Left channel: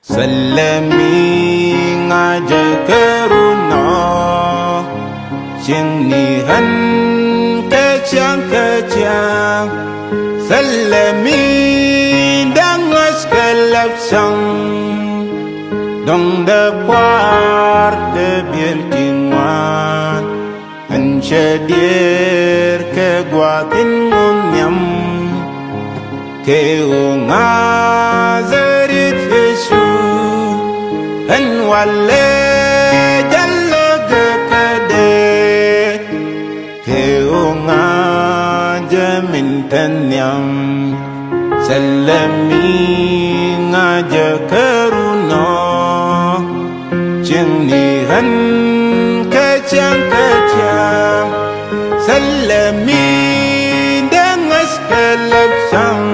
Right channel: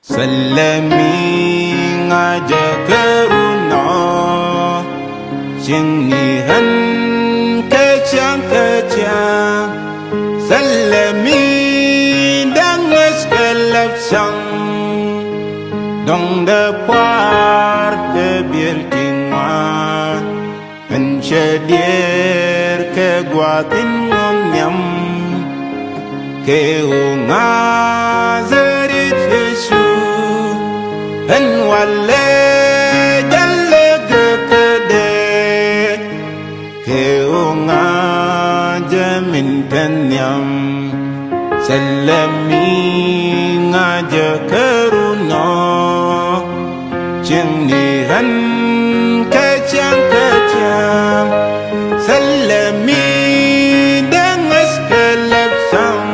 Salami ngaja keruna Cingnihan kecang-kecang Salami dangas kalapsang Dong da kwar tebil tingwan Ansyadir kegwatin ngunyam Keu ngazarit Yesu Han wale jalla gekade Keu ngajamin tanyam Salami ngaja keruna Cingnihan kecang-kecang Salami dangas kalapsang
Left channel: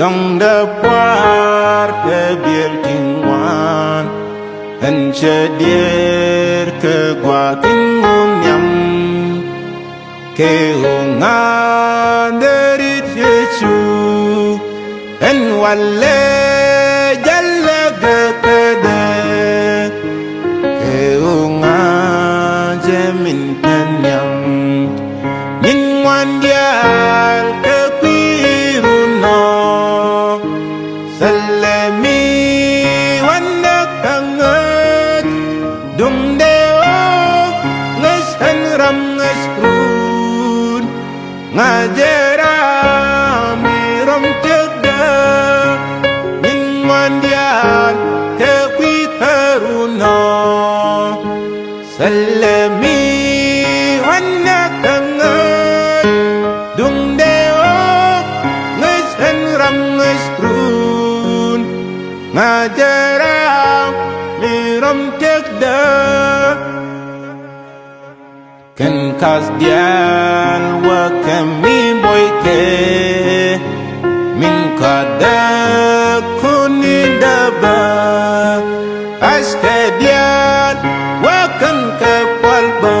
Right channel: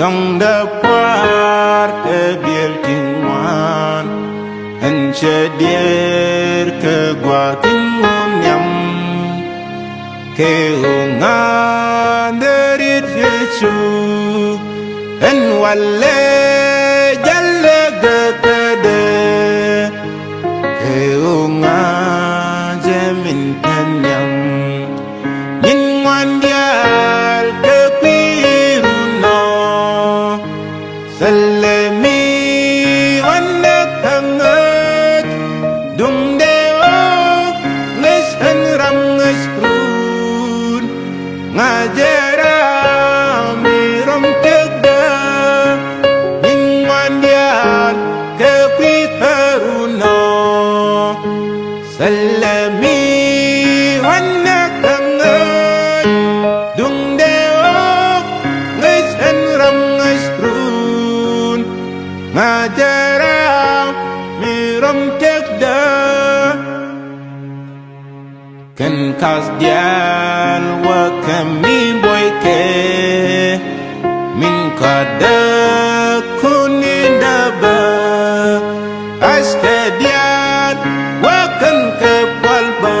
Dong da puar tebil tingwan Ansyadir kegwatin ngunyam Kehungan derit Yesu En wale jalla gekade Kehungan jamin tanyam Yin wandial kepiruna Salami wanak hangat Dung deo ngesan ram ngesprun Ngajarami rom tegda Yin wandial kepiruna Salami wanak hangat Dung deo ngesan ram ngesprun Ngajarami rom tegda Kan kas dial wa kami boyke Min kada kuni daba Aska dial wa kan kepalba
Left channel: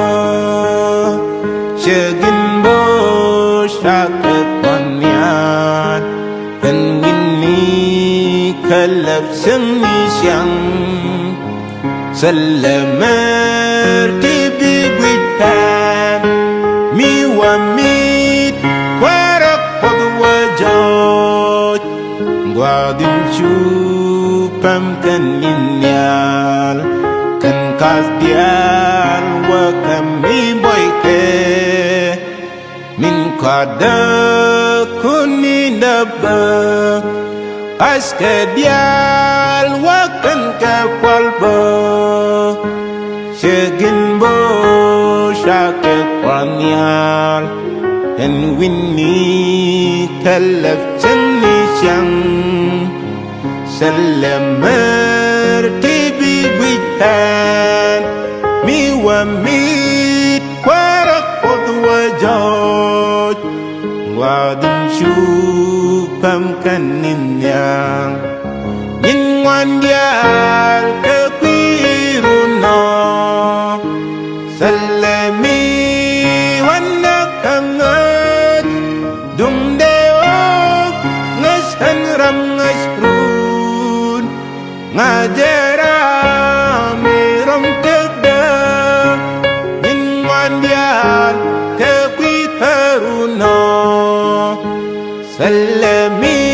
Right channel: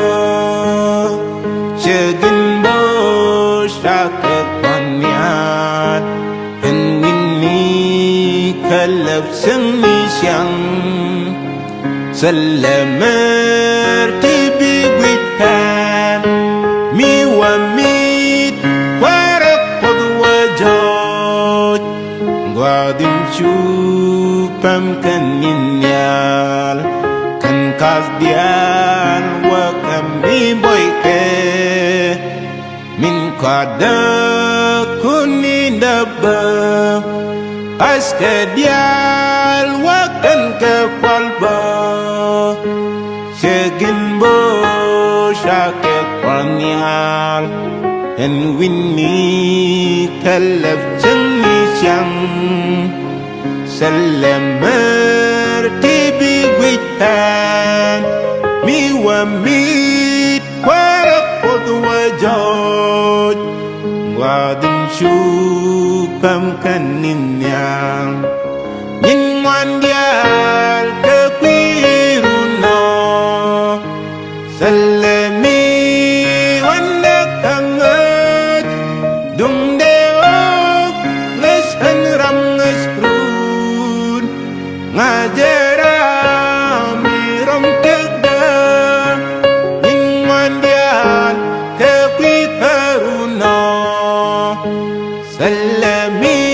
Syegin bo syakat paniat Kan winni kalap seni siang Salamer tibi gwitan Mi wa mit Kwarak pagwajot Gwadin chupam kaninyal Kan kas dial wa kami boyke Min kada kuni daba Aska dial wa kan kepalba Syegin bo syake kwanyal En winni kalaf cengni syang Salamer tibi gwitan Mi wa mit kwarak podwajot Gwadin syupam kaninyang Yin wandial kepiruna Salami wanak hangat Dung deo ngesan ram ngesprun Ngajarami rom tegda Yin wandial kepiruna Salami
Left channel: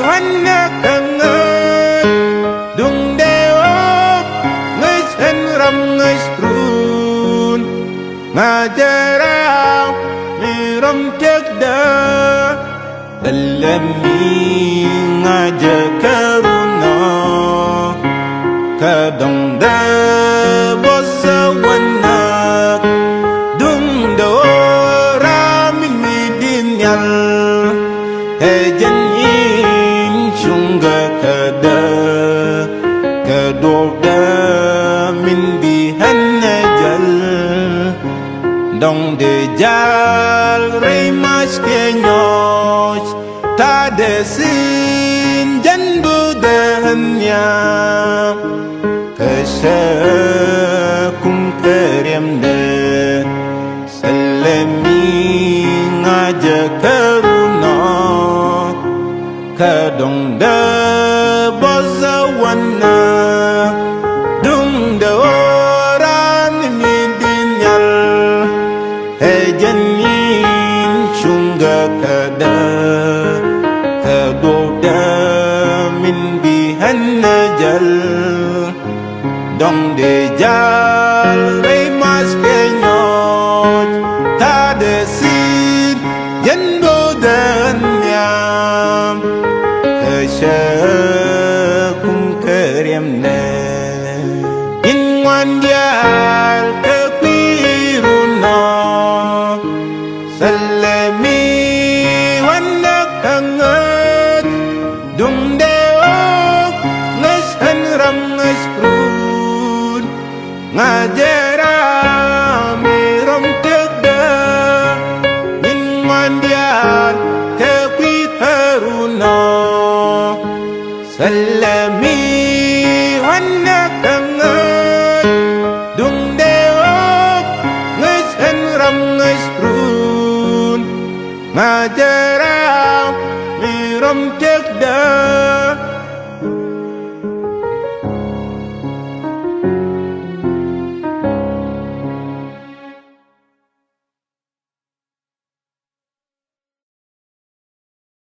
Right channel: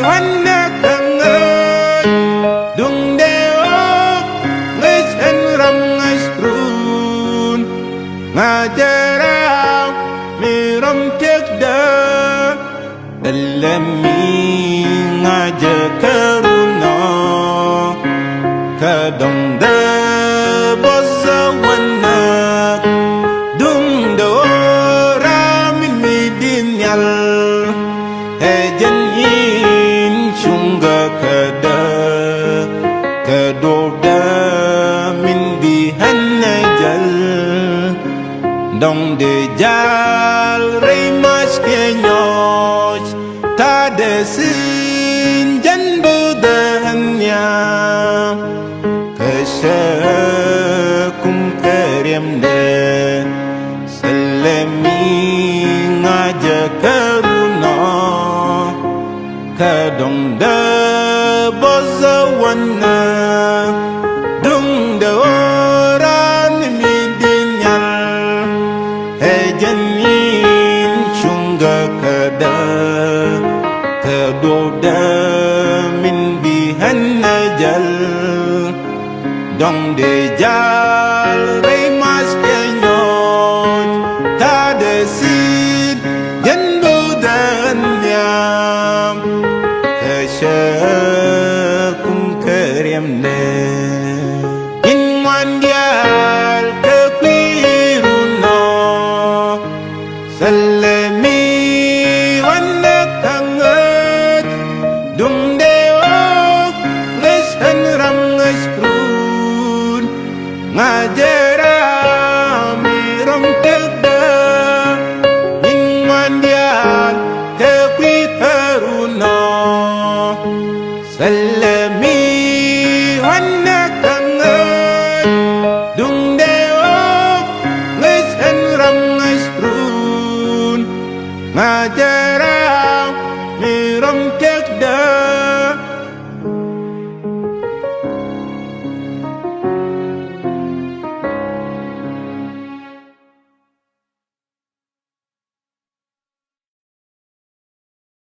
wanak hangat Dung deo ngesan ram ngesprun Ngajarami rom tegda Salami ngaja keruna Kadang da boza wanak Dung da ramin midinyal Hejan in syungga kada Kedobda min bihan najal Dong de jal rey mas kenyos Tada sin jan budahnya Kesakum karyamda Salami ngaja keruna Kadong da boza wana dung de oran mi dinyal he janin shunga kada kadoda min bihanna jal dong de jal rey mas kenyoj ta de sin jen bodan yam keshakum karyamne in wandial kepiruna salami wanak hangat dung deok ngesan ram ngesprun ngajarami ram tegda in wandial kepiruna salami wanak hangat dung deok ngesan ram ngesprun ngajarami ram tegda